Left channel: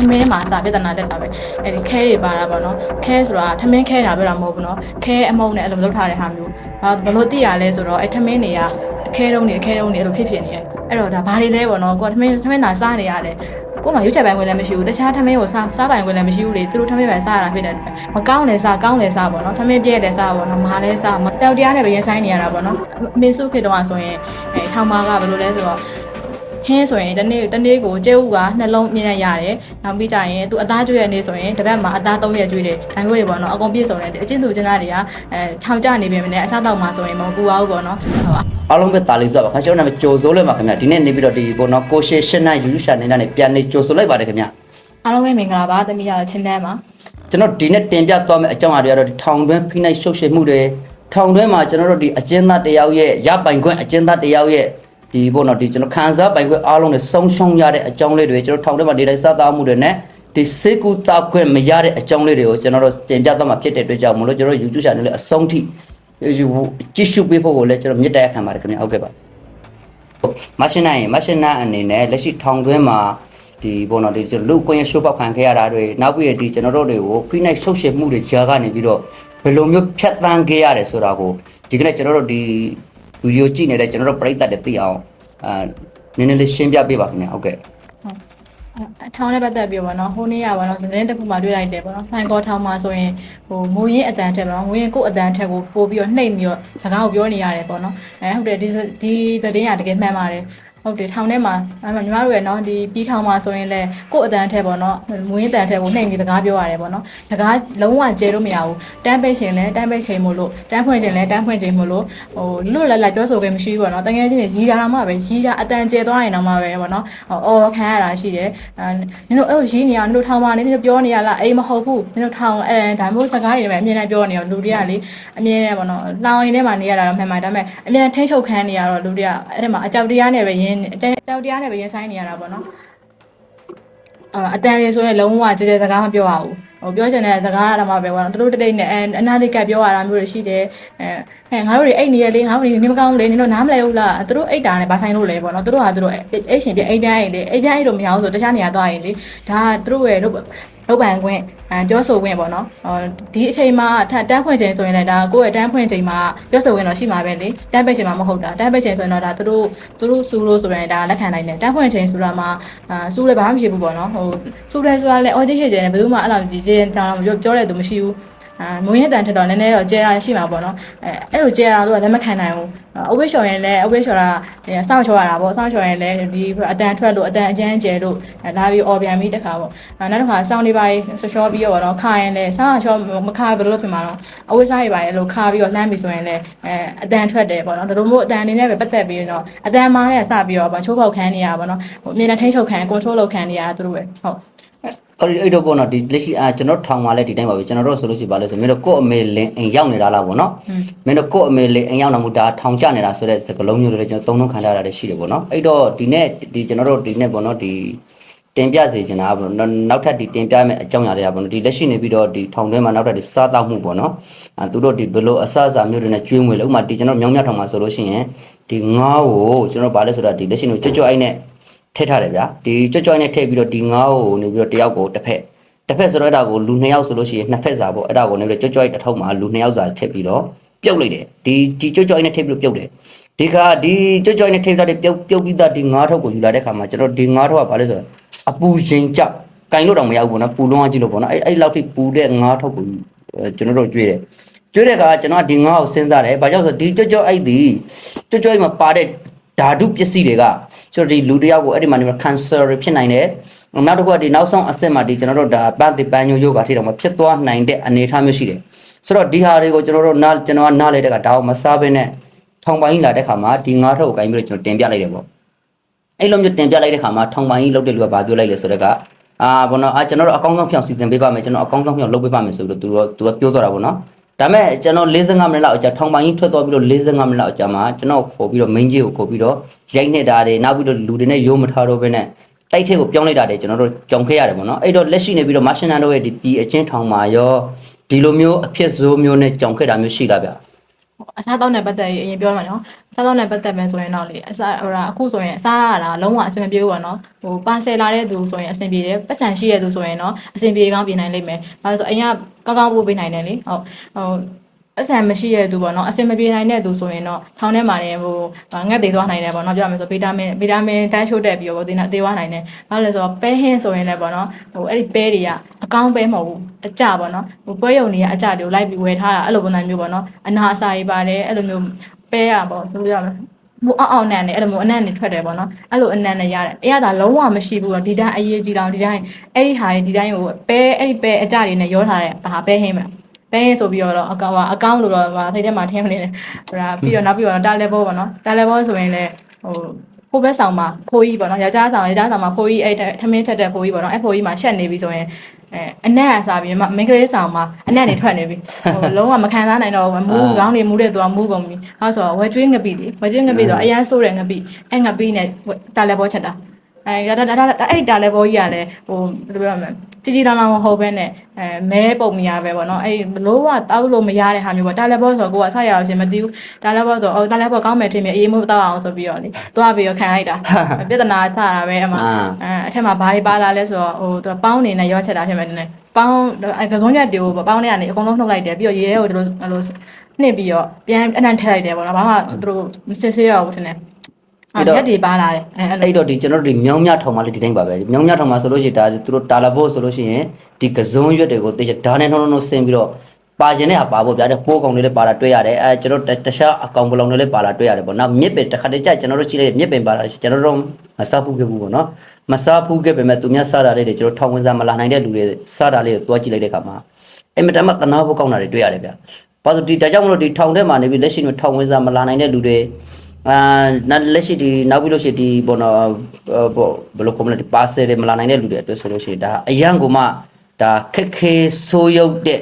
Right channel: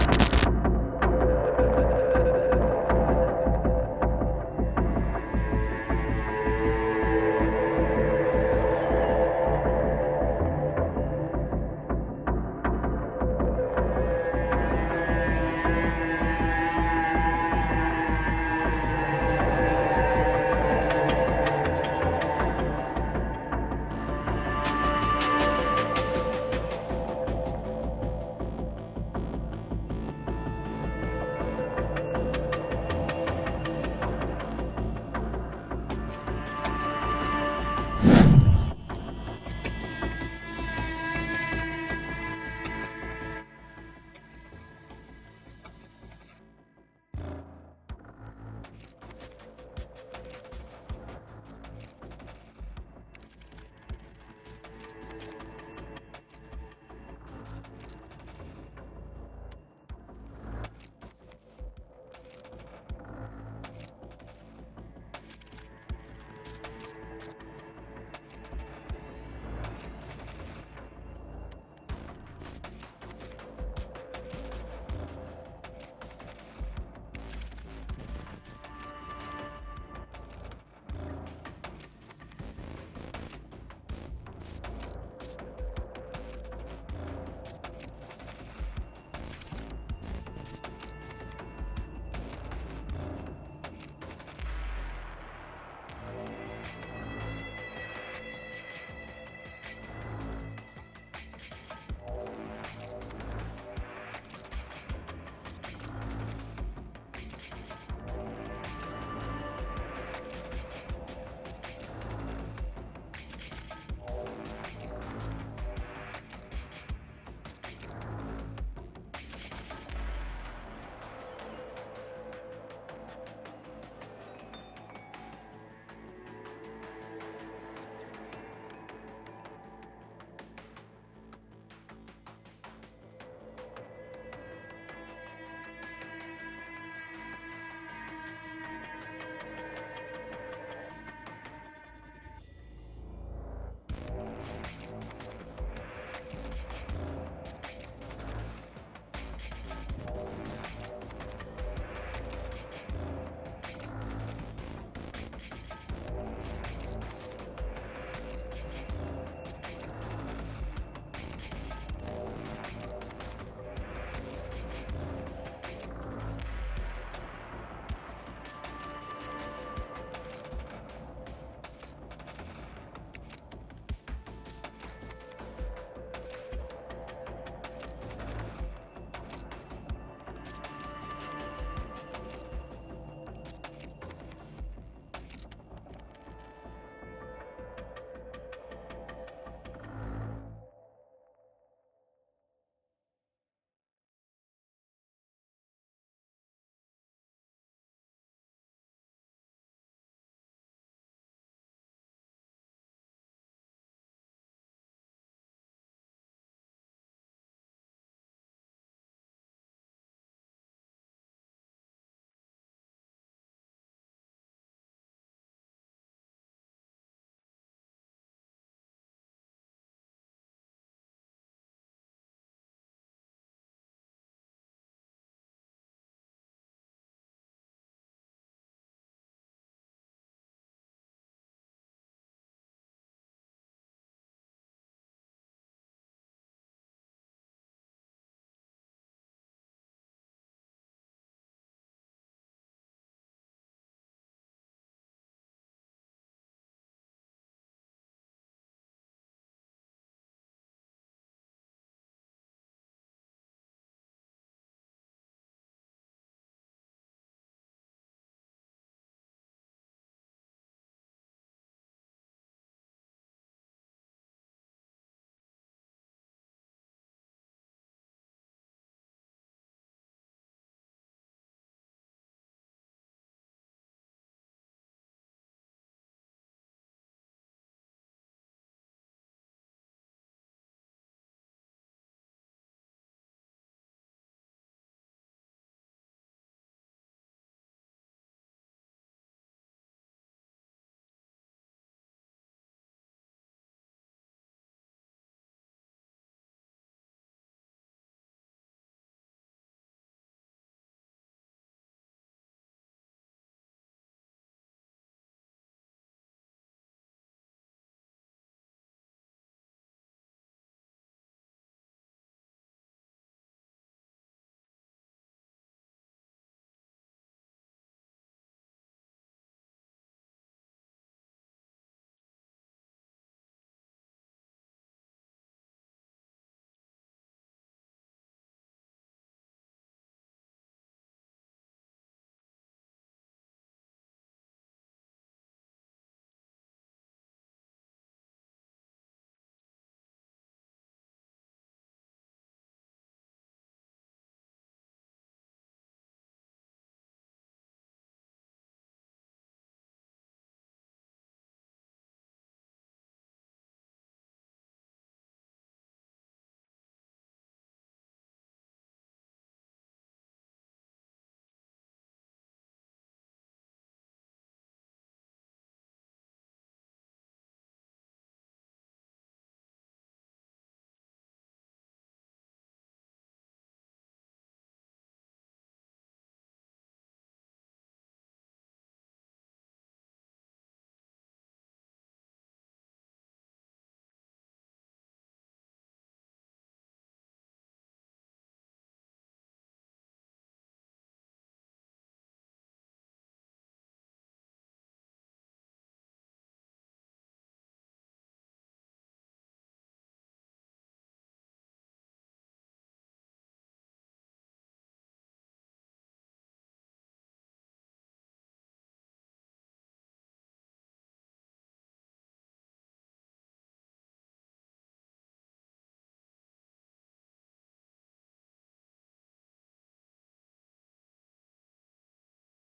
ထမင်းမှာစာပြဿနာတက်တာပဲအဲ့ဒီခဲတွေပါတာပေါ့နော်ခဲဆိုတာထမင်းခဲတာပြောတာမဟုတ်ဘူးနော်ခဲအမုံနဲ့အဲ့လိုလုပ်ထားတဲ့ဟာမျိုးဟာဘယ်လိုသိရလဲဆိုတော့အဲ့ထမင်းတွေကအခဲတုံးတွေအခဲတုံးတွေအဲ့လိုဖြစ်ဖြစ်နေရဲ့အဲ့တော့ဒါဘာတွေလဲပေါ့နော်ကိုကထမင်းထမင်းသာစားနေရတယ်ကို့မှာရွက်ချက်ပိုင်းဝင်လည်းမရှိဘူးတခြားထမင်းကိုစားစားပိုင်းဝင်လည်းမရှိဘူးလေသူတို့ထမင်းပဲစားရတာဖြစ်တဲ့အတွက်မကောင်းတယ်စားကောင်းတယ်စားပေါ့နော်ထမင်းပြည့်တယ်စားပေါ့နော်မာလဲစားမတောက်တရားနဲ့ပဲရင်ဆိုင်နေရတာပေါ့နော်အမေစုခေတ္တကဆိုရင်အဲထောင်မာကဘယ်လိုလဲဆိုတော့ဟ င်းဆိုရင်တနေ့တနေ့ကိုကျဲဥကနှလုံးမြင်ရရတယ်။နောက်ပြီးကြရင်သူအသားကျွေးရနေ့ဆိုရင်တစ်ပတ်မှာအသား၃ရက်ကျွေးတယ်။ဒါမျိုးတွေပေါ့နော်။အကုန်ပြည့်စုံတယ်။အချင်းသူချင်းသားတွေကအဲထောင်ကျနေပြီမနဲ့အစားတော့မှာဆိုရင်မပူအောင်ပေါ့နော်။ဟုတ်ပါအားလုံးပဲတာလေးဆိုပါခင်ဗျာကျွန်တော်နာမည်ကြိုစိုးလဲပါခင်ဗျာဒီနေ့နေပြီးတော့ဒီကိုနော်ကိုရှေရှင်းနာယူရှာနေတာနဲ့ပြန်နေကြိုဆိုလိုက်ပါတယ်ခင်ဗျာ။အားလုံးပဲမင်္ဂလာပါ။တမီးရတော့ချင်းတန်းပါကျွန်တော်ဒီနေ့တင်ပြသွားမယ့်အကြောင်းအရာတွေကတော့ဒီထောင်တွင်းဖိနှိပ်ရှုပ်ရှင်းမှုတွေထောင်တွင်းမှာကျွန်တော်တို့ဒီအကျဉ်းသားတယောက်ရဲ့ရပိုင်ခွင့်အကျဉ်းသားတယောက်ရဲ့ ဒီပေါ့နော်ဒီကျွန်တော်ခံစားပိုင်ခွင့်အားလုံးနဲ့ဆုံးရှုံးရတဲ့အကြောင်းလေးတွေကျွန်တော်ထောင်တွင်းမှာနေတိုင်းစသားမှုတွေနဲ့ဒီစေကူတာခွင့်မရတဲ့အကြောင်းလေးတွေကိုကျွန်တော်တို့တင်ပြသွားမှာဖြစ်တဲ့အတွက်ကြောင့်မလို့ကျွန်တော်တို့ YouTube channel လေးအဆုံးထိကြည့်ရှုပေးဖို့ကိုလည်းကျွန်တော်မြစ်တဲ့ခံပါတယ်ခင်ဗျာဟုတ်ကဲ့ပါမရှင်နိုင်မရှင်နာအနေနဲ့လက်ရှိထောင်တွင်းမှာဒီဘောနော်ဒီလူကွင်းရရှိုးပေါက်ခံခဲ့ရတာတွေနောက်ပြီးဒီကျွန်တော်တို့တွေကိုဖိနှိပ်ရှုပ်ရှင်းမှုတွေကြားကနေပြီးတော့ဘယ်လိုမျိုးဖြတ်တန်းခဲ့ရတယ်ဆိုတာကိုဒီကနေ့ကျွန်တော်တို့ဒီ ဗီဒီယိုကြည့်နေတဲ့ကျွန်တော်တို့ပရိသတ်တွေသိအောင်အာနည်းနည်းလေးရှင်းပြပေးပါခင်ဗျာဟုတ်ကဲ့။အထောင်နဲ့ပတ်သက်ပြီးပေါ့နော်။ဟိုနေ့ကပေါ့နော်။သတင်းတစ်ခုမှတွေ့လိုက်တယ်ပေါ့နော်။ဖိုင်ကောထောင်မှာဆိုရင်ဟိုမူရင်းအတန်ထက်ပေါ့နော်။မူရင်းကိုယ့်အတန်ထက်ကိုပို့ပြီးတော့နှိပ်ပြီးတော့စကားကိုပြောနေရတယ်ပေါ့နော်။အဲဟုတ်တယ်ဒီဒီသတင်းကတကယ်မှန်ပါတယ်။ ဟုတ်တယ်ထောင်ထဲမှာအဲ့မှာညီမတို့ရဲ့နော်ဒီပြီးထောင်မှာဆိုရင်လည်းကိုယ့်အတန်ထက်ပေါ့နော်မူရင်းအတန်ထက်ကိုနှိပ်ပြီးစကားပြောရတယ်ပေါ့နော်စကားလုံးဝကျဲလို့မရဘူးတန်းပိတ်ရှင်လည်းတန်းပိတ်ချိန်မို့လို့တန်းဖွင့်ချိန်လည်းတန်းဖွင့်ချိန်မို့လို့ဟိုလွတ်လပ်လပ်ပြောဆိုခွင့်မရှိဘူးပေါ့နော်တကယ်ချင်းရီးတာတော့မှပဲရီးတာအတန်ကျဲသွားရင်တော့မှပဲပေါ့နော်အော်ခံရတာရှိတယ်အဲနင်တို့အဲ့လိုရီးနေရနင်တို့ထောင်မှာနေနင်တို့ပြောနေရလားအေးမဟုတ်ဘူးနင်တို့ထောင်အဲဒါမျိုးစကားတွေလည်းအမြင်နဲ့ပြောနေရလူတွေကလေအမြင်နဲ့ပေါ့နော်လောင်ရင်ထဲမှာနေရတာတော့မှန်ပါတယ်ဒါပေမဲ့အမြင်ထိန်းချုပ်ခံနေရတော့လူတွေကအဲ့ဒီမှာအကြောက်တရားနဲ့ပဲရင်းအကြောက်တရားနဲ့ပဲရင်ဆိုင်နေရတာပေါ့နော်အာအတန်လေးဆိုရင်လုံးဝကြဲကြဲစကားမပြောရဘူးဟိုပြောချင်တဲ့စကားအရမှာပဲကွာတတို့တတိတ်နဲ့အဲအနာလိကပြောရတာမျိုးတွေရှိတယ်အဲဟဲ့ငါတို့တွေအိတ်နေရလေငါတို့တွေနေမကောင်းဘူးလေနင်တို့နားမလဲဘူးလားသူတို့အိတ်တာနဲ့ဗာဆိုင်လို့လေပေါ့နော်သူတို့ဟာသူတို့အိတ်ရှင်ပြအိတ်ပြိုင်းအိတ်လေအိတ်ပြိုင်းအိတ်လို့မရဘူးဆိုတခြားနေရာသွားရင်လေဒါကသူတို့ရဲ့လုပ် လုပ်ပန်ခွင့်အဲပြောဆိုခွင့်ပေါ့နော်ဟောဒီအချိန်မှာထတန်းဖွင့်ချိန်ဆိုရင်လည်းဒါကိုယ့်ရဲ့တန်းဖွင့်ချိန်မှာပြောဆိုခွင့်တော့ရှိမှာပဲလေတန်းပိတ်ချိန်မှာမဟုတ်တာတန်းပိတ်ချိန်ဆိုရင်တော့ဒါသူတို့သူတို့စူးလို့ဆိုရင်ဒါလက်ခံနိုင်တယ်တန်းဖွင့်ချိန်ဆိုတာမှာအာစူးလည်းဘာမှမဖြစ်ဘူးပေါ့နော်ဟိုစူးတယ်ဆိုတာလည်းအော်ဂျစ်ဟစ်ကျတယ်ဘယ်သူမှအဲ့လိုကြည့်ချင်းတောင်းတော့ပြောတဲ့သူမရှိဘူးအာ မုံရတန်ထက်တော့နည်းနည်းတော့ကျဲတာရှိမှာပေါ့နော်အဲအဲ့လိုကျဲတာသူကလက်မခံနိုင်ဘူးအဝိရှော်ရင်လည်းအဝိရှော်တာစောင့်ချောရတာပေါ့စောင့်ချော်ရင်လည်းဒီအတန်ထွက်လို့အတန်အကျန်းကျဲလို့လာပြီးអော်ပြန်ပြီးတခါပေါ့နောက်တစ်ခါစောင့်နေပါလေဆော့ချောပြီးတော့ပေါ့နော်ခါရင်လည်းစောင့်ချောမခါဘယ်လိုဖြစ်မှာတော့အဝိစားရပါလေလို့ခါပြီးတော့လှမ်းပြီးဆိုရင်လည်းအဲအတန်ထွက်တယ်ပေါ့နော်ဒါလိုမျိုးအတန်အနေနဲ့ပဲပတ်သက်ပြီးတော့အတန်မားနဲ့စပြီးတော့ပေါ့ချိုးပေါက်ခံနေရပါတော့ဟိုအမြင်နဲ့ထိန်းချုပ်ခံ control လုပ်ခံနေရတာသူတို့ပဲဟုတ် အဲ့ဒီအဲ့တော့ပေါ့နော်ဒီလက်ရှိအာကျွန်တော်ထောင်မှာလဲဒီတိုင်းပါပဲကျွန်တော်တို့ဆိုလို့ရှိပါလဲဆိုမင်းတို့ကို့အမေလင်းအိမ်ရောက်နေတာလားပေါ့နော်မင်းတို့ကို့အမေလင်းအိမ်ရောက်နေမှုဒါထောင်ကျနေတာဆိုတဲ့စကလုံးမျိုးတွေလည်းကျွန်တော်သုံးလုံးခံထားရတာရှိတယ်ပေါ့နော်အဲ့တော့ဒီနေ့ဒီကျွန်တော်တို့ဒီနေ့ပေါ့နော်ဒီတင်ပြစေချင်တာကပေါ့နော်နောက်ထပ်ဒီတင်ပြမယ့်အကြောင်းအရာတွေကပေါ့နော်ဒီလက်ရှိနေပြီးတော့ဒီထောင်ထဲမှာနောက်ထပ်ဒီစားတောက်မှုပေါ့နော်အဲသူတို့ဒီဘလို့အဆအစာမျိုးတွေနဲ့ကျွေးမွေးလို့ဥပမာဒီကျွန်တော်မြောင်းမြထောင်မှာဆိုလို့ရှိရင်ဒီငါးကိုကျွန်တော်ဗာလဲဆိုတာဒီလက်ရှိနေကြွကြွအိုက်နဲ့ ထည့်ထားတယ်ဗျာဒီကြွကြွအိုက်နဲ့ထည့်ပြီးတော့ဒီငါးကိုနေပြီးတော့တယောက်ကိုတစ်ဖက်တစ်ဖက်ဆိုတော့အဲ့ဒါကိုလူနှစ်ယောက်ဆိုလို့ရှိရင်နှစ်ဖက်စာပေါ့အဲ့ဒါကိုနေပြီးတော့ကြွကြွအိုက်တစ်ထုပ်မှာလူနှစ်ယောက်စာထည့်ပြီးတော့ပြုတ်လိုက်တယ်ဒီဒီကြွကြွအိုက်နဲ့ထည့်ပြီးတော့ပြုတ်တယ်ဒီကဒီကြွကြွအိုက်နဲ့ထည့်ပြီးတော့ပြုတ်ပြုတ်ပြီးသားဒီငါးထုပ်ကိုယူလာတဲ့ခါမှာကျွန်တော်ဒီငါးထုပ်ကဗာလဲဆိုတော့အပူချိန်ကြောက်ကင်လို့တော့မရဘူးပေါ့နော်ပူလုံးအောင်ကြည့်လို့ပေါ့နော်အဲ့အဲ့လောက်ထိပူတဲ့ငါးထုပ်ကိုကျွန်တော်တို့ကြွေးတယ်ကျွေးတဲ့အခါကျွန်တော်ကဒီငါးကိုစဉ်းစားတယ်။ဘာကြောင့်လဲဆိုတော့ဒီကြွကြွအိုက်ဒီကြွကြွအိုက်မှာပါတဲ့ ဓာတုပစ္စည်းတွေကကျွန်တော်ဒီလူတစ်ယောက်ကိုအဲ့ဒီမှာနေမှာ cancer ဖြစ်နိုင်တယ်။နောက်တစ်ခုကဒီနောက်ဆုံးအဆင့်မှာဒီကျွန်တော်တို့ဒါပန်းတိပန်းညိုယောဂါထိတော့မှာဖြစ်သွားနိုင်တဲ့အနေအထားမျိုးရှိတယ်။ဆိုတော့ဒီဟာတွေကိုကျွန်တော်တို့နားကျွန်တော်ကနားလဲတဲ့ကဒါကိုမစားဘဲနဲ့ထောင်ပိုင်းလာတဲ့ခါမှာဒီငါးထုတ်ကိုဂိုင်းပြီးတော့ကျွန်တော်တင်ပြလိုက်တယ်ပေါ့။အဲ့လိုမျိုးတင်ပြလိုက်တဲ့ခါမှာထောင်ပိုင်းကြီးလောက်တဲ့လူကဘာပြောလိုက်လဲဆိုတော့ကအာဘောနော်အာကျွန်တော်တို့အကောင်းဆုံးဖြောင်းစီစဉ်ပေးပါမယ်ကျွန်တော်အကောင်းဆုံးဖြောင်းလုပ်ပေးပါမယ်ဆိုပြီးတော့သူတို့သူကပြောသွားတာပေါ့နော် ဒါမဲ့ကျွန်တော်45မိနစ်လောက်အကြာထောင်ပိုင်းကြီးထွက်သွားပြီးတော့45မိနစ်လောက်အကြာမှာကျွန်တော်ခေါ်ပြီးတော့ main ကြီးကိုခေါ်ပြီးတော့ရိုက်နေတာတွေနောက်ပြီးတော့လူတွေနဲ့ရုံးမထားတော့ဘဲနဲ့တိုက်ထက်ကိုပြောင်းလိုက်တာတွေကျွန်တော်တို့ကြောင်ခဲ့ရတယ်ပေါ့နော်အဲ့တော့လက်ရှိနေပြီးတော့ Martian တို့ရဲ့ဒီပြည်အချင်းထောင်မှာရောဒီလိုမျိုးအဖြစ်ဆိုးမျိုးနဲ့ကြောင်ခဲ့တာမျိုးရှိတာဗျ အစားတောက်နဲ့ပတ်သက်ရင်အရင်ပြောမှာနော်အစားတောက်နဲ့ပတ်သက်မယ်ဆိုရင်တော့လေအစားဟိုဒါအခုဆိုရင်အစားရတာလုံးဝအဆင်မပြေဘူးပေါ့နော်ဟိုပါဆယ်လာတဲ့သူဆိုရင်အဆင်ပြေတယ်ပတ်စံရှိတဲ့သူဆိုရင်တော့အဆင်ပြေကောင်းပြေနိုင်လိမ့်မယ်ဘာလို့လဲဆိုအရင်ကကောင်းကောင်းပို့ပေးနိုင်တယ်လေဟုတ်ဟို အဆန်မရှိတဲ့သူပေါ့နော်အဆင်မပြေနိုင်တဲ့သူဆိုရင်တော့ထောင်းထဲမှာနေဟိုငတ်သေးသွားနိုင်တယ်ပေါ့နော်ပြောရမယ်ဆိုဗီတာမင်ဗီတာမင်တန်းချိုးတက်ပြီးတော့ဒီနာသေးသွားနိုင်တယ်ဘာလို့လဲဆိုတော့ပဲဟင်းဆိုရင်လည်းပေါ့နော်ဟိုအဲ့ဒီပဲတွေကအကောင်းပဲမဟုတ်ဘူးအကြပေါ့နော်ဟိုပွဲရုံတွေကအကြတွေကိုလိုက်ပြီးဝယ်ထားတာအဲ့လိုပုံစံမျိုးပေါ့နော်အနာအစာကြီးပါတယ်အဲ့လိုမျိုးပဲရပေါ့ဘယ်လိုပြောရမလဲမူအောင်အောင်နန်နေအဲ့လိုမျိုးအနံ့နေထွက်တယ်ပေါ့နော်အဲ့လိုအနံ့နေရတယ်အဲ့ရတာလုံးဝမရှိဘူးတော့ဒီတိုင်းအရေးကြီးတော့ဒီတိုင်းအဲ့ဒီဟာတွေဒီတိုင်းကိုပဲအဲ့ဒီပဲအကြတွေနဲ့ရောထားတဲ့ဟာပဲဟင်းမလား ပဲဟင်းဆိုပြီးတော့အကောင်အကောင့်လို့တော့ဗာထိတ်ထဲမှာထင်းမနေတယ်ဟိုဒါပြီးတော့နောက်ပြီးတော့တာလေဘောပေါ့နော်တာလေဘောဆိုရင်လည်းဟိုဟိုဘက်ဆောင်မှာဖိုးကြီးပေါ့နော်ယောက်ျားဆောင်ယောက်ျားဆောင်မှာဖိုးကြီးအဲ့ထမင်းချက်တဲ့ဖိုးကြီးပေါ့နော်အဲ့ဖိုးကြီးမှာရှက်နေပြီဆိုရင်အဲအနက်အစားပြီးမမိန်းကလေးဆောင်မှာအနက်နေထွက်နေပြီဟိုလုံးဝမခံစားနိုင်တော့ဘူးမူးခေါင်းတွေမူးတဲ့သူကမူးကုန်ပြီအဲဆိုတော့ဝဲကျွေးငပိလေဝဲကျွေးငပိဆိုတော့အရန်ဆိုးတယ်ငပိအဲ့ငပိနဲ့တာလေဘောချက်တာအဲဒါဒါဒါဒါအဲ့တာလေဘောကြီးကလည်းဟိုဘယ်လိုပြောမလဲ ជីជីတောင်တောင်မဟုတ်ဘဲနဲ့အဲမဲပုံမရပဲပေါ့နော်အဲ့လို့ကတောက်လို့မရတဲ့ဟာမျိုးပေါ့တာလေဘောဆိုတော့ကိုကဆက်ရအောင်ရှင်မသိဘူးတာလေဘောဆိုအော်တာလေဘောကောင်းမယ်ထင်မြအေးမို့တောက်အောင်ဆိုပြီးတော့လေသွားပြီးတော့ခံလိုက်တာပြဿနာချတာပဲအမှအာအဲအထက်မှာဘာတွေပါလာလဲဆိုတော့ဟိုသူပေါင်းနေနဲ့ရောချက်တာဖြစ်မယ်နည်းပေါင်းအဲကစုံရက်တွေကိုပေါင်းနေကနေအကုန်လုံးနှုတ်လိုက်တယ်ပြီးတော့ရေထဲကိုတို့အဲ့လိုနှစ်ပြီးတော့ပြန်အနံ့ထည့်လိုက်တယ်ပေါ့နော်ဘာမှသူတို့မစစ်ဆေးရဘူးထင်တယ် အဲ့တော့ရက်တွေပါလာတယ်အဲအဲ့လိုအဲ့တော့ဒီကျွန်တော်တို့ဒီမြောင်းမြထောင်မှလည်းဒီတိုင်းပါပဲမြောင်းမြထောင်မှဆိုလို့ရှိရင်ဒါသူတို့တာလာဖို့ဆိုလို့ရှိရင်ဒီကစုံရွက်တွေကိုတေချာဓာတ်နဲ့နှုံးနှုံးဆင်းပြီးတော့ပါခြင်းနဲ့ဟာပါဖို့ဗျာတဲ့ပိုးကောင်တွေလည်းပါလာတွေ့ရတယ်အဲကျွန်တော်တခြားအကောင်ပလောင်တွေလည်းပါလာတွေ့ရတယ်ပေါ့နောက်မြစ်ပင်တစ်ခါတည်းကျကျွန်တော်တို့ရှိလိုက်မြစ်ပင်ပါလာကျွန်တော်တို့မစားဘူးခဲ့ဘူးပေါ့နော်မစားဘူးခဲ့ပေမဲ့သူများစားတာလေးတွေကျွန်တော်ထောင်ဝင်စားမလာနိုင်တဲ့လူတွေစားတာလေးကိုတွားကြည့်လိုက်တဲ့အခါမှာအင်မတန်မှတနာဖို့ကောင်းတာတွေတွေ့ရတယ်ဗျာဘာလို့ဒီဒါကြောင့်မလို့ဒီထောင်ထဲမှာနေပြီးလက်ရှိမှာထောင်ဝင်စားမလာနိုင်တဲ့လူတွေ အာနောက်လက်ရှိဒီနောက်ပြီးလို့ရှိရင်ဒီဘောနော်ဘောဘယ်လိုကောမလဲဒီပါဆယ်တွေမလာနိုင်တဲ့လူတွေအတွက်ဆိုလို့ရှိရင်ဒါအရန်ကိုမှဒါခက်ခဲဆိုးရုပ်တဲ့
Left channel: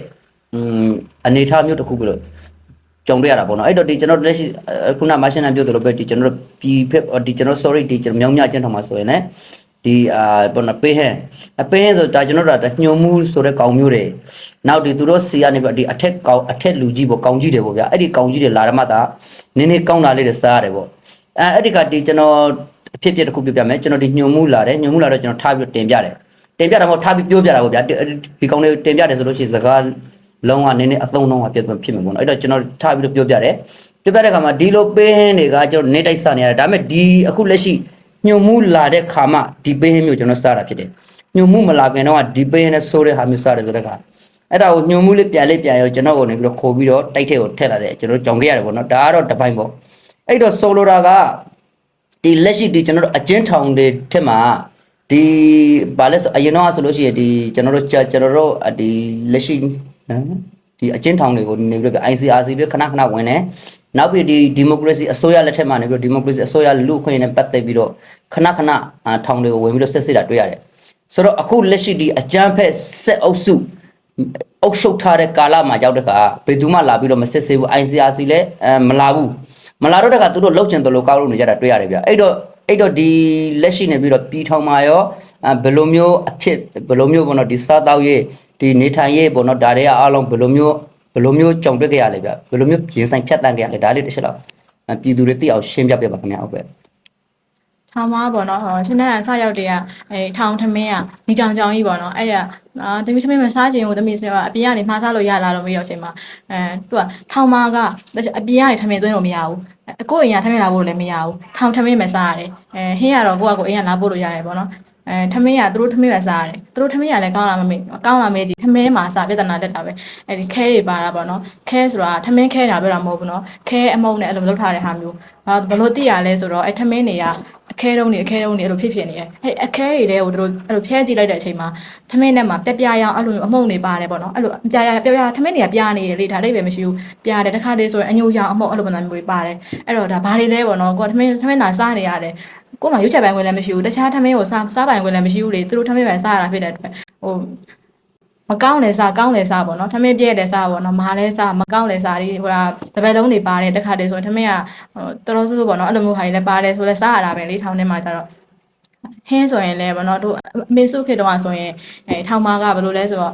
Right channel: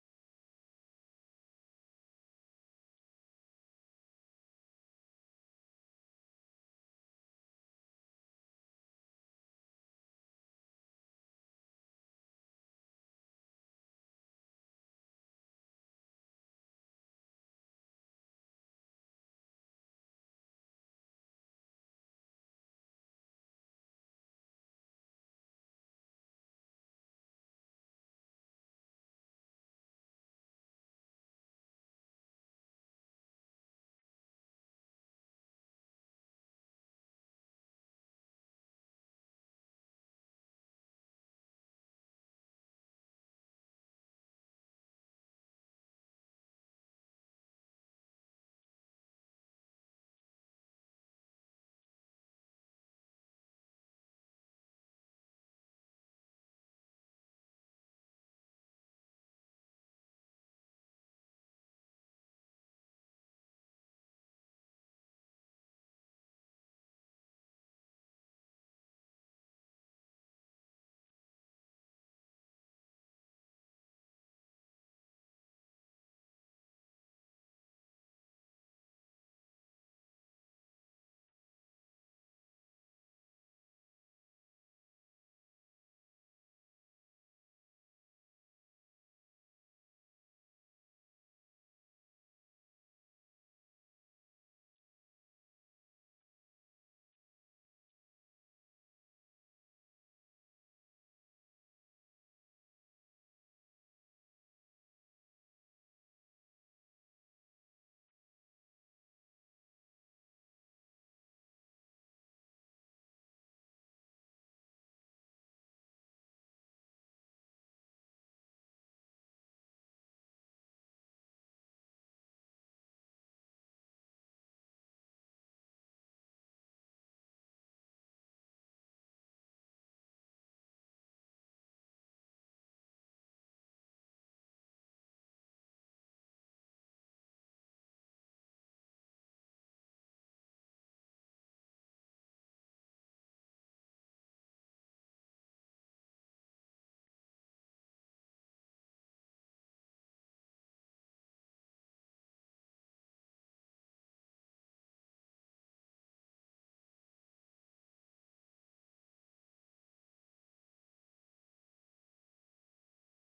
อืมအနေအထားမျိုးတစ်ခုပဲလို့ကြုံတွေ့ရတာပေါ့နော်အဲ့တော့ဒီကျွန်တော်တို့လက်ရှိအဲခုနမရှင်နံပြောသလိုပဲဒီကျွန်တော်တို့ပြည်ဖက်ဒီကျွန်တော် sorry ဒီကျွန်တော်မြောင်းမြချင်းထောင်မှာဆိုရင်လည်း ဒီအာဘောနော်ပေးဟဲအပေးဟဲဆိုဒါကျွန်တော်တို့ကညှုံမှုဆိုတဲ့ကောင်မျိုးတွေနောက်ဒီသူတို့စီကနေပြီးဒီအထက်ကောင်အထက်လူကြီးပေါ့ကောင်ကြီးတွေပေါ့ဗျာအဲ့ဒီကောင်ကြီးတွေလာရမှသာနည်းနည်းကောင်းတာလေးတွေစားရတယ်ပေါ့အဲအဲ့ဒီကဒီကျွန်တော်အဖြစ်အပျက်တစ်ခုပြပြမယ်ကျွန်တော်ဒီညှုံမှုလာတယ်ညှုံမှုလာတော့ကျွန်တော်ထားပြီးတင်ပြတယ်တင်ပြတာမဟုတ်ထားပြီးပြောပြတာပေါ့ဗျာဒီဒီကောင်လေးတင်ပြတယ်ဆိုလို့ရှိရင်စကားလုံးဝနည်းနည်းအသုံးလုံးကပြတ်ဖြစ်မှာပေါ့နော်အဲ့တော့ကျွန်တော်ထားပြီးတော့ပြောပြတယ်ပြောပြတဲ့ခါမှာဒီလိုပေးဟင်းတွေကကျွန်တော်နေတိုက်စားနေရတယ်ဒါပေမဲ့ဒီအခုလက်ရှိ ညှုံမှုလာတဲ့ခါမှဒီပေးဟင်းမျိုးကျွန်တော်စားတာဖြစ်တယ်ညှုံမှုမလာခင်တော့ကဒီပေးဟင်းနဲ့ဆိုးတဲ့ဟာမျိုးစားတယ်ဆိုတဲ့ခါအဲ့ဒါကိုညှုံမှုလေးပြန်လေးပြန်ရောကျွန်တော်ကနေပြီးတော့ခိုးပြီးတော့တိုက်ထဲကိုထည့်လာတယ်ကျွန်တော်ကြောင်ခဲ့ရတယ်ပေါ့နော်ဒါကတော့တစ်ပိုင်းပေါ့အဲ့တော့ဆိုလိုတာကဒီလက်ရှိဒီကျွန်တော်တို့အကျဉ်းထောင်တွေထက်မှာဒီဘာလဲဆိုအရင်တော့ဆိုလို့ရှိရင်ဒီကျွန်တော်တို့ကြာကျွန်တော်တို့အဒီလက်ရှိဟမ်ဒီအကျဉ်းထောင်တွေကိုနေပြီးတော့ ICRC ပြီးခဏခဏဝင်တယ် နောက်ပြီးဒီဒီမိုကရေစီအစိုးရလက်ထက်မှာနေပြီးတော့ဒီမိုကရေစီအစိုးရလူ့အခွင့်အရေးနဲ့ပတ်သက်ပြီးတော့ခဏခဏအာထောင်တွေကိုဝင်ပြီးတော့ဆက်စစ်တာတွေ့ရတယ်ဆိုတော့အခုလက်ရှိဒီအကြမ်းဖက်ဆက်အုပ်စုအုပ်ရှုပ်ထားတဲ့ကာလမှာရောက်တဲ့ခါဘယ်သူမှလာပြီးတော့မစစ်ဆေးဘူး ICRC လည်းအဲမလာဘူးမလာတော့တဲ့ခါသူတို့လှုပ်ချင်တယ်လို့ကောက်လို့နေကြတာတွေ့ရတယ်ဗျအဲ့တော့အဲ့တော့ဒီလက်ရှိနေပြီးတော့ပြည်ထောင်မှာရောအဲဘယ်လိုမျိုးအဖြစ်ဘယ်လိုမျိုးပေါ့နော်ဒီစားတောက်ရေးဒီနေထိုင်ရေးပေါ့နော်ဒါတွေကအားလုံးဘယ်လိုမျိုးဘယ် လိုမျိုးကြုံတွေ့ခဲ့ရလဲဗျဘယ်လိုမျိုးပြင်ဆိုင်ဖြတ်တန်းခဲ့ရလဲဒါလေးတစ်ချက်တော့အဲပြည်သူတွေသိအောင်ရှင်းပြပြပါခင်ဗျာဟုတ်ပဲထောင်မပေါ့နော်ဟောရှင်းတဲ့အစရောက်တည်းကအဲထောင်ထမင်းကမိကြောင်ကြောင်ကြီးပေါ့နော်အဲ့ဒါအာတမီးထမင်းမစားခြင်းကိုတမီးဆိုတော့အပြင်ကနေမှားစားလို့ရလာလို့မရတော့ချိန်မှာအဲသူကထောင်မကအပြင်ကနေထမင်းသွင်းလို့မရဘူးအကိုအိမ်ကထမင်းလာဖို့လည်းမရဘူးထောင်ထမင်းမစားရတယ်အဲဟင်းကတော့ကိုကကိုအိမ်ကလာဖို့လို့ရတယ်ပေါ့နော် အဲထမင်းကသူတို့ထမင်းပဲစားရတယ်သူတို့ထမင်းကလည်းကောင်းလာမမေးကောင်းလာမေးကြည့်ထမင်းမှာစားပြဿနာတက်တာပဲအဲဒီခဲတွေပါတာပေါ့နော်ခဲဆိုတာထမင်းခဲတာပြောတာမဟုတ်ဘူးနော်ခဲအမုံနဲ့အဲ့လိုလုပ်ထားတဲ့ဟာမျိုးဘာဘလို့သိရလဲဆိုတော့အဲထမင်းတွေကအခဲတုံးနေအခဲတုံးနေအဲ့လိုဖြစ်ဖြစ်နေတယ်အဲ့အခဲတွေတဲ့ကိုတို့အဲ့လိုဖျဲကြည့်လိုက်တဲ့အချိန်မှာထမင်းထဲမှာပြပြရောင်အဲ့လိုမျိုးအမှုန့်တွေပါတယ်ပေါ့နော်အဲ့လိုပြပြပြပြထမင်းတွေကပြနေတယ်လေဒါလေးပဲမရှိဘူးပြတယ်တစ်ခါတည်းဆိုရင်အညိုရောင်အမှုန့်အဲ့လိုပုံစံမျိုးတွေပါတယ်အဲ့တော့ဒါဘာတွေလဲပေါ့နော်ကိုကထမင်းထမင်းသာစားနေရတယ် ကို့မှာရွက်ချက်ပိုင်းဝင်လည်းမရှိဘူးတခြားထမင်းကိုစားစားပိုင်းဝင်လည်းမရှိဘူးလေသူတို့ထမင်းပဲစားရတာဖြစ်တဲ့အတွက်ဟိုမကောင်းလဲစားကောင်းလဲစားပေါ့နော်ထမင်းပြည့်လဲစားပေါ့နော်မဟာလဲစားမကောင်းလဲစားဒီဟိုဒါတပည့်လုံးတွေပါတယ်တစ်ခါတည်းဆိုရင်ထမင်းကဟိုတော်တော်ဆိုးပေါ့နော်အဲ့လိုမျိုးဟာတွေလည်းပါတယ်ဆိုလဲစားရတာပဲလေထောင်းထဲမှာကျတော့ဟင်းဆိုရင်လည်းဗောနော်တို့အမေစုခေတ်တုန်းကဆိုရင်အဲထောင်မာကဘယ်လိုလဲဆိုတော့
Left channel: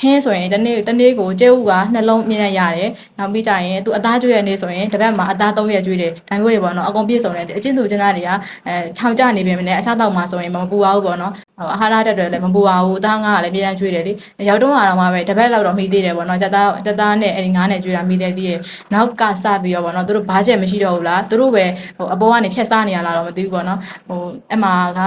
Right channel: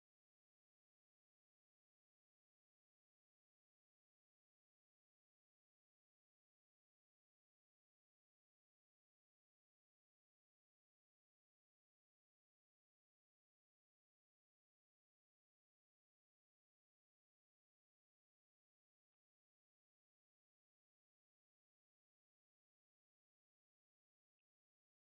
ဟင်းဆိုရင်တနေ့တနေ့ကိုကျဲဥကနှလုံးမြင့်ရရတယ်နောက်ပြီးကြရင်သူအသားကျွေးရနေဆိုရင်တစ်ပတ်မှာအသား၃ရက်ကျွေးတယ်ဒါမျိုးတွေပေါ့နော်အကုန်ပြည့်စုံတယ်အချင်းသူချင်းသားတွေကအဲထောင်ကျနေပြီမနဲ့အစားတောက်မှာဆိုရင်မပူပါဘူးပေါ့နော်ဟိုအာဟာရတက်တယ်လည်းမပူပါဘူးအသားငါကလည်းပြန်ကျွေးတယ်လေရောက်တော့တော့မှပဲတစ်ပတ်လောက်တော့မိသေးတယ်ပေါ့နော်စက်သားစက်သားနဲ့အဲဒီငါးနဲ့ကျွေးတာမိသေးသေးတယ်နောက်ကစပြီးတော့ပေါ့နော်သူတို့ဘာချက်မရှိတော့ဘူးလားသူတို့ပဲဟိုအပေါ်ကနေဖြတ်စားနေရလားတော့မသိဘူးပေါ့နော်ဟိုအမှက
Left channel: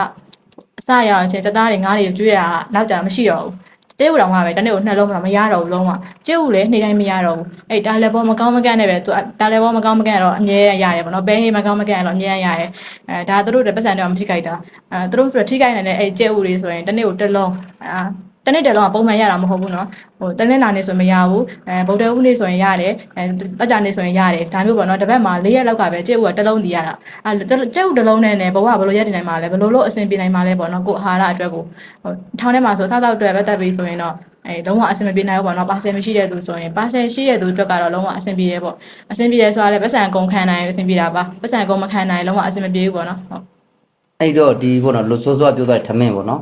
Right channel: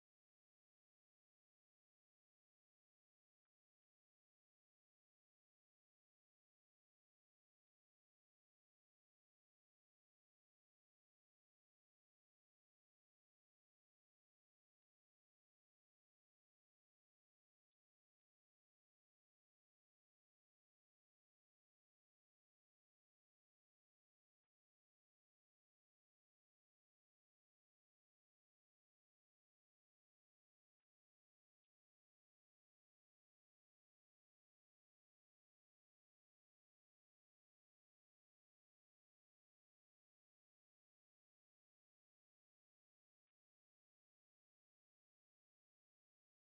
အစရအောင်ချင်းစက်သားတွေငါးတွေကျွေးတာနောက်ကြမရှိတော့ဘူး တဲဝတော်မှာပဲတနေ့ကိုနှလုံးမမရတော့ဘူးလုံးဝကျဲဥလည်းနေ့တိုင်းမရတော့ဘူးအဲ့တာလည်းဘောမကောင်းမကန့်နဲ့ပဲသူတာလည်းဘောမကောင်းမကန့်တော့အမြဲရတယ်ပေါ့နော်ဘဲဟေးမကောင်းမကန့်တော့အမြဲရတယ်အဲဒါသူတို့တွေပတ်စံတော့မထိခိုက်တာအဲသူတို့တွေထိခိုက်နေတဲ့အဲ့ကျဲဥတွေဆိုရင်တနေ့ကိုတစ်လုံးအာ တနေ့တစ်လုံးကပုံမှန်ရတာမဟုတ်ဘူးနော်ဟိုတနေ့နာနေဆိုမရဘူးအဲဗုဒ္ဓဦးနေ့ဆိုရင်ရတယ်အဲပတ်ကြနေ့ဆိုရင်ရတယ်ဒါမျိုးပေါ့နော်တစ်ပတ်မှာ၄ရက်လောက်ကပဲကျဲဥကတစ်လုံးတည်ရတာအဲကျဲဥတစ်လုံးနဲ့ねဘဝဘယ်လိုရက်တည်နိုင်မှာလဲဘယ်လိုလို့အဆင်ပြေနိုင်မှာလဲပေါ့နော်ကိုအာဟာရအတွက်ကိုဟိုထောင်းထဲမှာဆိုသားတော့အတွက်ပဲတက်ပြီးဆိုရင်တော့အဲလုံးဝအဆင်မပြေနိုင်ဘူးပေါ့နော်ပါဆယ်မရှိတဲ့သူဆိုရင်ပါဆယ်ရှိတဲ့သူအတွက်ကတော့လုံးဝအဆင်ပြေတယ်ပေါ့အဆင်ပြေတယ်ဆိုတာလည်းပတ်စံကုန်ခံနိုင်အဆင်ပြေတာပါပတ်စံကုန်မခံနိုင်လုံးဝအဆင်မပြေဘူးပေါ့နော်ဟုတ်အဲ့တော့ဒီပေါ့နော်လို့ဆိုးဆိုးကပြောသွားတဲ့ထမင်းပေါ့နော်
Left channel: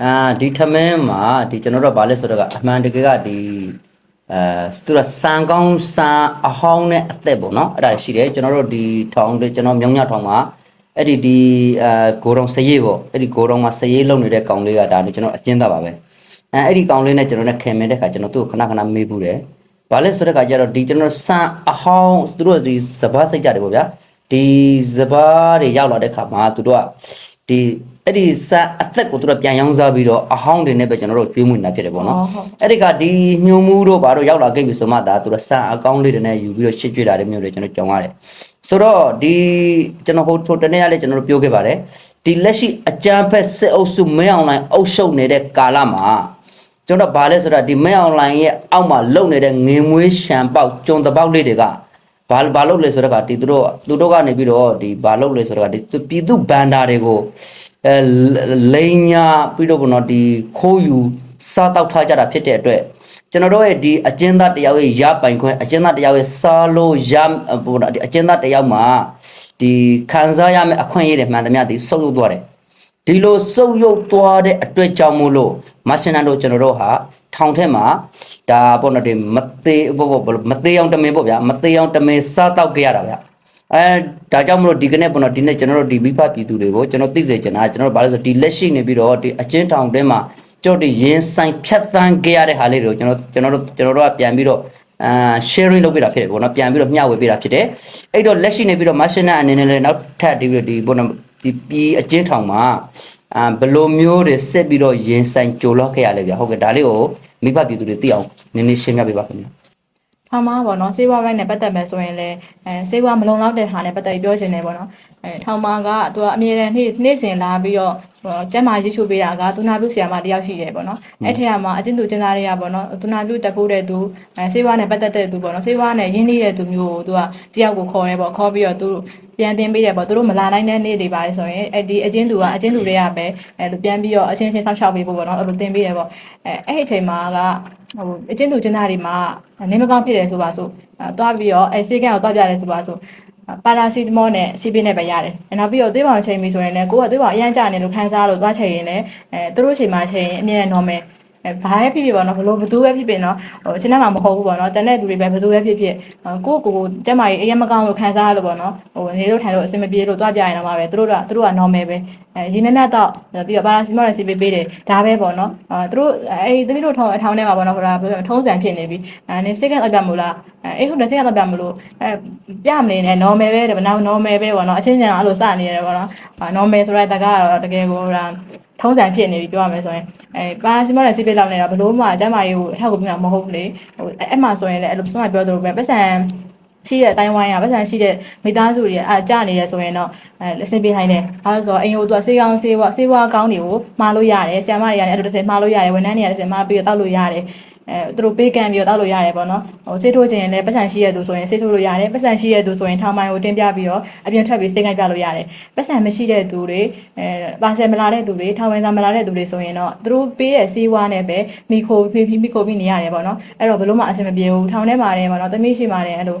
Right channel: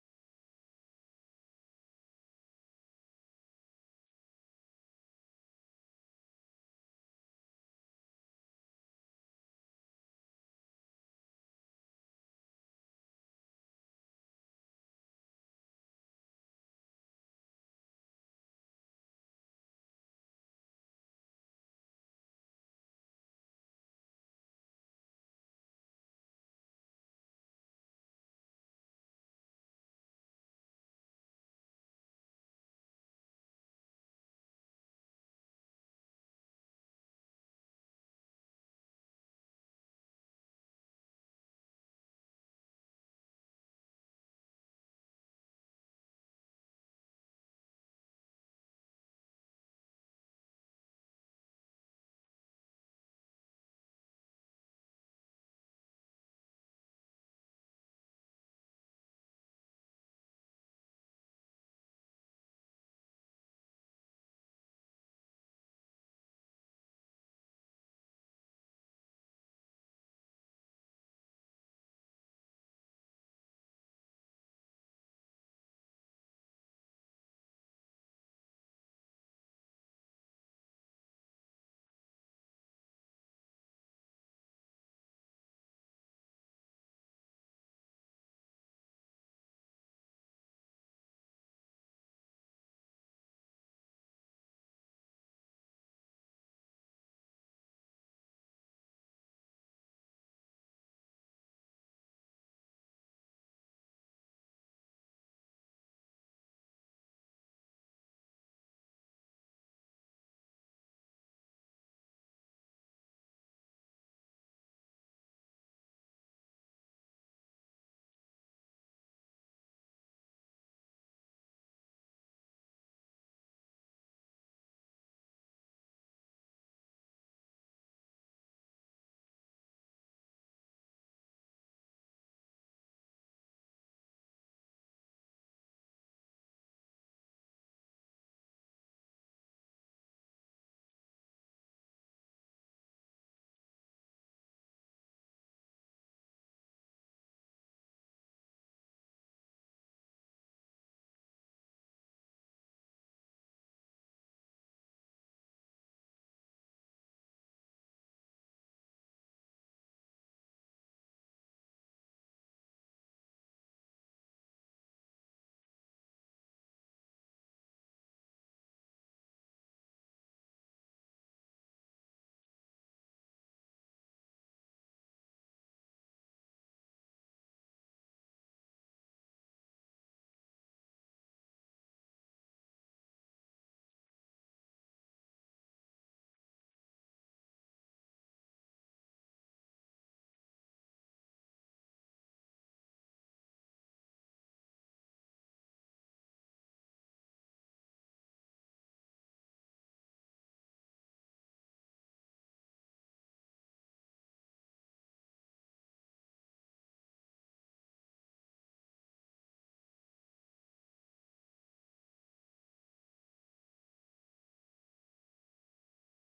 အာဒီထမင်းမှာဒီကျွန်တော်တို့ကဘာလဲဆိုတော့ကအမှန်တကယ်ကဒီအဲသူကစံကောင်းစံအဟောင်းနဲ့အသက်ပေါ့နော်အဲ့ဒါရှိတယ်ကျွန်တော်တို့ဒီထောင်တွေကျွန်တော်မြောင်ညထောင်မှာအဲ့ဒီဒီအဲဂိုရုံစရေးပေါ့အဲ့ဒီဂိုရုံမှာစရေးလုံနေတဲ့ကောင်လေးကဒါနဲ့ကျွန်တော်အကျဉ်းသားပါပဲအဲအဲ့ဒီကောင်လေးနဲ့ကျွန်တော်နဲ့ခင်မင်းတဲ့ခါကျွန်တော်သူ့ကိုခဏခဏမေးဘူးတယ်ဘာလဲဆိုတဲ့ခါကျတော့ဒီကျွန်တော်စံအဟောင်းသူတို့ဒီစဘာစိတ်ကြတယ်ပေါ့ဗျာဒီစဘာတွေရောက်လာတဲ့ခါမှာသူတို့ကဒီ အဲ့ဒီစအသက်ကိုသူတို့ပြန်ရောင်းစားပြီးတော့အဟောင်းတွေနဲ့ပဲကျွန်တော်တို့ကျွေးမွေးနေတာဖြစ်တယ်ပေါ့နော်ဟုတ်အဲ့ဒီကဒီညှို့မှုတို့ဘာတို့ရောက်လာခဲ့ပြီဆိုမှဒါသူတို့စအကောင့်လေးတွေနဲ့ယူပြီးတော့ရှစ်ကျွေးတာတွေမျိုးတွေကျွန်တော်ကြောင်ရတယ်ဆိုတော့ဒီကျွန်တော်ဟိုထိုတနေ့ကလည်းကျွန်တော်တို့ပြောခဲ့ပါတယ်ဒီလက်ရှိအကြမ်းဖက်စစ်အုပ်စုမင်းအောင်လိုင်းအုပ်ရှုပ်နေတဲ့ကာလမှာကျွန်တော်ဘာလဲဆိုတော့ဒီမင်းအောင်လိုင်းရဲ့အောက်မှာလုံနေတဲ့ငင်မွေးရှံပေါက်ကျုံတပေါက်လေးတွေကဘာဘာလုပ်လဲဆိုတော့ကဒီသူတို့သူတို့ကနေပြီးတော့ဒီဘာလုပ်လဲဆိုတော့ကဒီသူပြည်သူဘန်ဒါတွေကို အဲလိန်ညာပြီးတော့ဘုနော်ဒီခိုးယူစားတောက်ထားကြတာဖြစ်တဲ့အတွက်ကျွန်တော်တို့ရဲ့ဒီအကျဉ်းသားတယောက်ရဲ့ရပိုင်ခွင့်အကျဉ်းသားတယောက်ရဲ့စားလို့ရဘုနော်ဒီအကျဉ်းသားတယောက်မှာဒီခံစားရမယ့်အခွင့်အရေးတွေမှန်သမျှဒီဆုပ်ယုပ်သွားတယ်ဒီလိုစုပ်ယုပ်သွားတဲ့အတွက်ကြောင့်မို့လို့မရှင်နန်တို့ကျွန်တော်တို့ဟာထောင်ထဲမှာဒါပေါ့နော်ဒီမသေးဘောဘောမသေးအောင်တမင်ပေါ့ဗျာမသေးအောင်တမင်စားတောက်ကြရတာဗျာ အဲဒါကြောင့်မလို့ဒီကနေ့ပေါ့နော်ဒီနေ့ကျွန်တော်တို့ဒီမိဖပြည်သူတွေကိုကျွန်တော်သိစေချင်တာကျွန်တော်တို့ဘာလို့ဆိုဒီလက်ရှိနေပြီးတော့ဒီအချင်းထောင်ထဲမှာကြောက်ဒီရင်ဆိုင်ဖြတ်တန်းကြရတဲ့ဟာလေးတွေကိုကျွန်တော်ကျွန်တော်တို့ကျွန်တော်တို့ကပြန်ပြီးတော့အာ sharing လုပ်ပေးတာဖြစ်တယ်ပေါ့နော်ပြန်ပြီးတော့မျှဝေပေးတာဖြစ်တယ်အဲ့တော့လက်ရှိနေပြီးတော့ machine အနေနဲ့လည်းနောက်ထပ်ဒီဒီပေါ့နော်ဒီပြည်အချင်းထောင်မှာအာဘယ်လိုမျိုးတွေဆက်ပြီးတော့ရင်ဆိုင်ကြိုလောက်ခဲ့ရလဲဗျာဟုတ်ကဲ့ဒါလေးကိုမိဘပြည်သူတွေသိအောင်နည်းနည်းရှင်းပြပေးပါခင်ဗျာ ထောင်မှာပေါ့နော်စေးဝါးပိုင်းနဲ့ပတ်သက်မယ်ဆိုရင်လည်းအဲစေးဝါးမလုံလောက်တဲ့ဟာနဲ့ပတ်သက်ပြီးပြောချင်တယ်ပေါ့နော်အဲထောင်မှာကသူကအမြဲတမ်းနေ့နေ့စဉ်လာပြီးတော့ဟိုကျမ်းမာရေးချိုးပေးတာကသူနာပြုဆရာမတယောက်ရှိတယ်ပေါ့နော်အဲ့ထက်မှာအကျဉ်းသူကျဉ်းသားတွေကပေါ့နော်သူနာပြုတက်ဖို့တဲ့သူအဲစေးဝါးနဲ့ပတ်သက်တဲ့သူပေါ့နော်စေးဝါးနဲ့ရင်းနှီးတဲ့သူမျိုးကိုသူကတယောက်ကိုခေါ်တယ်ပေါ့ခေါ်ပြီးတော့သူပြန်တင်ပေးတယ်ပေါ့သူတို့မလာနိုင်တဲ့နေ့တွေပါလေဆိုရင်အဲ့ဒီအကျဉ်းသူကအကျဉ်းသူတွေကပဲအဲ့လိုပြန်ပြီးတော့အချင်းချင်းဆောက်ရှောက်ပေးဖို့ပေါ့နော်အဲ့လိုတင်ပေးတယ်ပေါ့အဲအဲ့ဒီအချိန်မှာက ဟိုအကျဉ်းသူကျဉ်းသားတွေမှာနေမကောင်းဖြစ်တယ်ဆိုပါဆိုအဲသွားပြီးတော့အဲစေကန်ကိုသွားပြတယ်ဆိုပါဆိုပါရာစီတမောနဲ့စီးပင်းနဲ့ပဲရတယ်။နောက်ပြီးတော့သွေးပေါင်ချိန်ပြီဆိုရင်လည်းကိုကသွေးပေါင်အရန်ကြနေလို့ခံစားလို့သွားချိန်ရင်လည်းအဲသူတို့ချိန်မှာချိန်ရင်အမြဲ normal အဲဘာပဲဖြစ်ဖြစ်ပေါ့နော်ဘလို့ဘသူပဲဖြစ်ဖြစ်နော်ဟိုချင်းထဲမှာမဟုတ်ဘူးပေါ့နော်တန်တဲ့သူတွေပဲဘသူပဲဖြစ်ဖြစ်ကိုကိုကိုကျမကြီးအရင်မကောင်းလို့ခံစားရလို့ပေါ့နော်ဟိုနေလို့ထိုင်လို့အဆင်မပြေလို့သွားပြရင်တော့မှပဲသူတို့ကသူတို့က normal ပဲအဲရေမြတ်မြတ်တော့ပြီးတော့ပါရာစီမောနဲ့စီးပေးပေးတယ်ဒါပဲပေါ့နော်အဲသူတို့အဲသမီးတို့ထောင်းအထောင်းထဲမှာပေါ့နော်ဟိုဒါထုံးစံဖြစ်နေပြီအဲနေစိတ်ကတော့ပြမို့လားအဲဟုတ်တယ်စိတ်ကတော့ပြမလို့အဲပြမနေနဲ့ normal ပဲတဲ့နောက် normal ပဲပေါ့နော်အချင်းချင်းအဲ့လိုစနေရတယ်ပေါ့နော် normal ဆိုတဲ့တကတော့တကယ်ကိုဟိုဒါ ထုံးစံဖြစ်နေပြီပြောရမယ်ဆိုရင်အဲပါစီမောနဲ့စီးပေးလောက်နေတာဘလို့မှအကျမ်းမာရေးကိုအထောက်အကူပြုမှာမဟုတ်ဘူးလေဟိုအဲ့မှာဆိုရင်လည်းအဲ့လိုစမပြောသလိုပဲပတ်စံရှိတဲ့အတိုင်းဝိုင်းကပတ်စံရှိတဲ့မိသားစုတွေအကြနေရဆိုရင်တော့အဲအဆင်ပြေနိုင်တယ်။အဲဆိုတော့အိမ်ကိုသူကစေးကောင်းစေးဝါစေးဝါကောင်းတွေကိုမှားလို့ရတယ်။ဆရာမတွေကလည်းအဲ့လိုတစ်စက်မှားလို့ရတယ်။ဝန်ထမ်းတွေကလည်းတစ်စက်မှားပြီးတော့တောက်လို့ရတယ်။ အဲသူတို့ပေးကမ်းပြီးတော့တောက်လို့ရတယ်ပေါ့နော်ဟိုဆေးထိုးခြင်းလည်းပတ်စံရှိရသူဆိုရင်ဆေးထိုးလို့ရတယ်ပတ်စံရှိရသူဆိုရင်ထောင်မိုင်ကိုတင်ပြပြီးတော့အပြင်ထွက်ပြီးစိတ်ခိုက်ပြလို့ရတယ်ပတ်စံမရှိတဲ့သူတွေအဲပါဆယ်မလာတဲ့သူတွေထောင်ဝင်သားမလာတဲ့သူတွေဆိုရင်တော့သူတို့ပေးတဲ့ဆေးဝါးနဲ့ပဲမိခိုဖိဖိမိခိုပြီးနေရတယ်ပေါ့နော်အဲ့တော့ဘယ်လို့မှအဆင်မပြေဘူးထောင်ထဲမှာလည်းပေါ့နော်တမိရှိမှလည်းအဲ့လိုဟို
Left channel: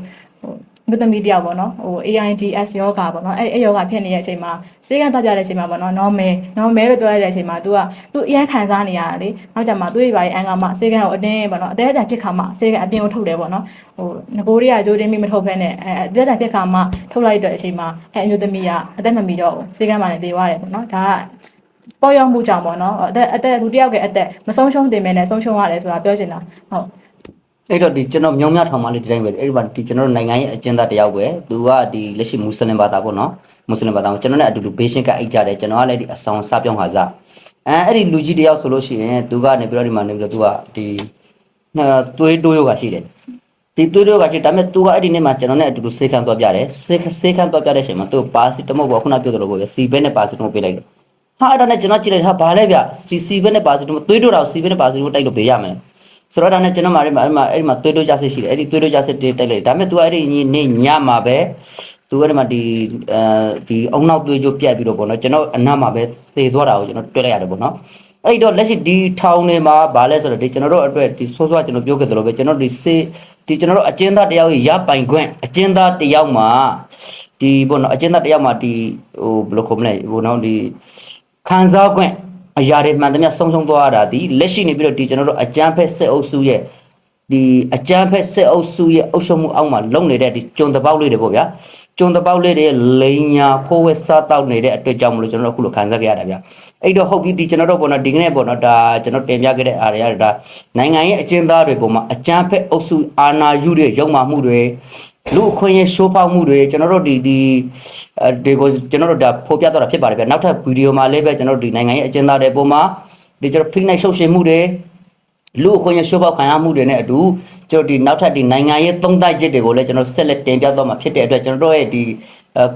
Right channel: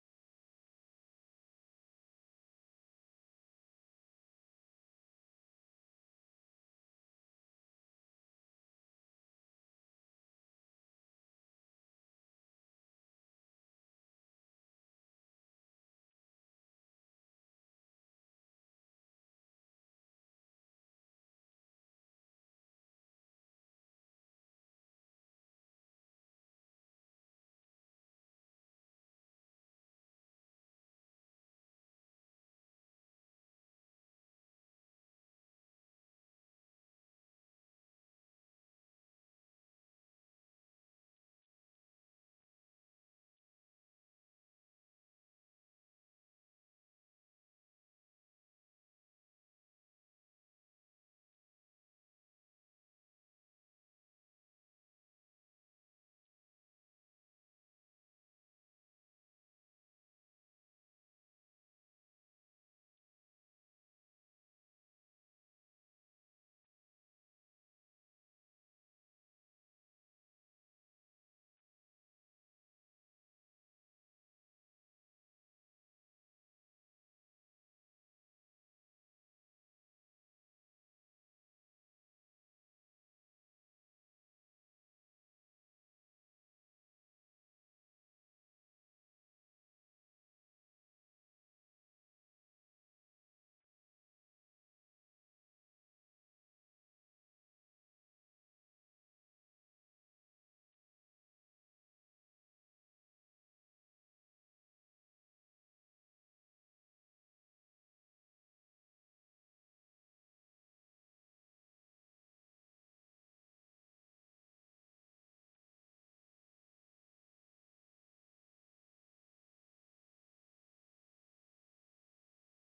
မြို့သမီးတယောက်ပေါ့နော်ဟို AIDS ယောဂါပေါ့နော်အဲ့အဲ့ယောဂါဖြစ်နေတဲ့အချိန်မှာစေကန်းတက်ပြတဲ့အချိန်မှာပေါ့နော် normal normal လို့ပြောရတဲ့အချိန်မှာ तू က तू အရင်ခံစားနေရတာလေနောက်ကြမှာသူ့တွေပါရဲ့အန်ကမှစေကန်းကိုအတင်းပေါ့နော်အသေးအတန်ဖြစ်ခါမှစေကန်းအပြင်ကိုထုတ်တယ်ပေါ့နော်ဟိုငကိုတွေကကြိုးတင်းမိမထုတ်ဖဲနဲ့အဲအသေးအတန်ဖြစ်ခါမှထုတ်လိုက်တဲ့အချိန်မှာအဲ့အမျိုးသမီးကအသက်မမီတော့ဘူးစေကန်းမှလည်းသေသွားတယ်ပေါ့နော်ဒါကပေါ်ရောက်မှုကြောင့်ပေါ့နော်အသက်အသက်လူတစ်ယောက်ရဲ့အသက်မဆုံးရှုံးတင်မဲနဲ့ဆုံးရှုံးရတယ်ဆိုတာပြောချင်တာဟုတ် အဲ့တော့ဒီကျွန်တော်မြောင်းမြထောင်မှလေးဒီတိုင်းပဲအဲ့ဒီမှာဒီကျွန်တော်တို့နိုင်ငံရဲ့အကျဉ်းသားတယောက်ပဲသူကဒီလက်ရှိမွတ်စလင်ဘာသာပေါ့နော်မွတ်စလင်ဘာသာကိုကျွန်တော်နဲ့အတူတူဘေးရှင်းကအိတ်ကြတယ်ကျွန်တော်ကလည်းဒီအဆောင်စပြောင်းခါစားအဲအဲ့ဒီလူကြီးတယောက်ဆိုလို့ရှိရင်သူကနေပြီးတော့ဒီမှာနေပြီးတော့သူကဒီနော်သွေးတိုးယောဂရှိတယ်ဒီသွေးတိုးယောဂရှိဒါပေမဲ့သူကအဲ့ဒီနေ့မှာကျွန်တော်နဲ့အတူတူဆေးခန်းသွားပြတယ်ဆေးဆေးခန်းသွားပြတဲ့အချိန်မှာသူပါစီတမုတ်ပေါ့ခုနပြောသလိုပေါ့ဗျစီဘဲနဲ့ပါစီတမုတ်ပေးလိုက်တယ်ဟာအဲ့ဒါနဲ့ကျွန်တော်ကြည့်လိုက်ဟာဘာလဲဗျစီစီဘဲနဲ့ပါစီတမုတ်သွေးတိုးတာကိုစီဘဲနဲ့ပါစီတမုတ်တိုက်လို့ပေးရမယ် ဆိုတော့ဒါနဲ့ကျွန်တော်မှအဲ့မှာအဲ့မှာအဲ့မှာသွေးတိုးကြစစ်ရှိတယ်အဲ့ဒီသွေးတိုးကြစစ်တက်လိုက်ဒါပေမဲ့ तू အဲ့ဒီနေ့ညမှာပဲ तू အဲ့ဒီမှာဒီအဲဒီအုံနောက်သွေးကြိုးပြတ်ပြီးတော့ပေါ့နော်ကျွန်တော်အနတ်မှာပဲသေသွားတာကိုကျွန်တော်တွေ့လိုက်ရတယ်ပေါ့နော်အဲ့တော့လက်ရှိဒီထောင်တွေမှာဗာလဲဆိုတော့ဒီကျွန်တော်တို့အတွက်ဒီဆိုးဆိုးကျွန်တော်ပြောခဲ့တယ်လို့ပဲကျွန်တော်ဒီစေးဒီကျွန်တော်တို့အကျဉ်းသားတယောက်ရပိုင်ခွင့်အကျဉ်းသားတယောက်မှာဒီပေါ့နော်အကျဉ်းသားတယောက်မှာဒီဟိုဘယ်လိုခေါ်မလဲဟိုနော်ဒီခံစားခွင့် အရာတွေမှန်သမျှဆုံးရှုံးသွားရတာဒီလက်ရှိနေပြီးတော့ဒီကျွန်တော်တို့အကြမ်းဖက်စစ်အုပ်စုရဲ့ဒီအကြမ်းဖက်စစ်အုပ်စုရဲ့အုပ်ချုပ်မှုအောက်မှာလုံနေတဲ့ဒီကျုံတပေါက်လေးတွေပေါ့ဗျာကျုံတပေါက်လေးတွေလိန်ညာခိုးဝဲစားတောက်နေတဲ့အတွက်ကြောင့်မလို့ကျွန်တော်တို့အခုလိုခံစားကြရတာဗျာအဲ့တော့ဟုတ်ပြီဒီကျွန်တော်တို့ပေါ့နော်ဒီကနေ့ပေါ့နော်ဒါကျွန်တော်တင်ပြခဲ့တဲ့အားရဒါနိုင်ငံရဲ့အကျဉ်းသားတွေပုံမှာအကြမ်းဖက်အုပ်စုအာဏာယူတဲ့ရုံမှမှုတွေ လူအခွင့်အရေးရှိုးဖောက်မှုတွေကျွန်တော်တို့ဒီဒီအဲဒီကိုကျွန်တော်တို့ဒါဖော်ပြတော့တာဖြစ်ပါတယ်ဗျာနောက်ထပ်ဗီဒီယိုမှာလည်းပဲကျွန်တော်တို့ဒီနိုင်ငံရဲ့အကျဉ်းသားတွေပုံမှာဒီကျွန်တော်ဖိနှိပ်ရှုပ်ရှင်မှုတွေလူအခွင့်အရေးရှိုးပေါက်ခံရမှုတွေနဲ့အတူကျွန်တော်ဒီနောက်ထပ်ဒီနိုင်ငံရေးသုံးသပ်ချက်တွေကိုလည်းကျွန်တော်ဆက်လက်တင်ပြတော့မှာဖြစ်တဲ့အတွက်ကျွန်တော်တို့ရဲ့ဒီ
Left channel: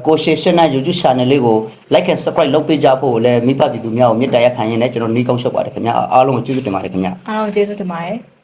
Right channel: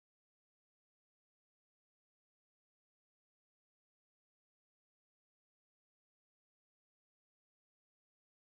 ကိုရှေရှနာ YouTube channel လေးကို like and subscribe လုပ်ပေးကြဖို့လည်းမိဘပြည်သူများကိုမေတ္တာရပ်ခံရင်းနဲ့ကျွန်တော်နှီးကောင်းရှုပ်ပါတယ်ခင်ဗျာအားလုံးကိုကျေးဇူးတင်ပါတယ်ခင်ဗျာအားလုံးကျေးဇူးတင်ပါတယ်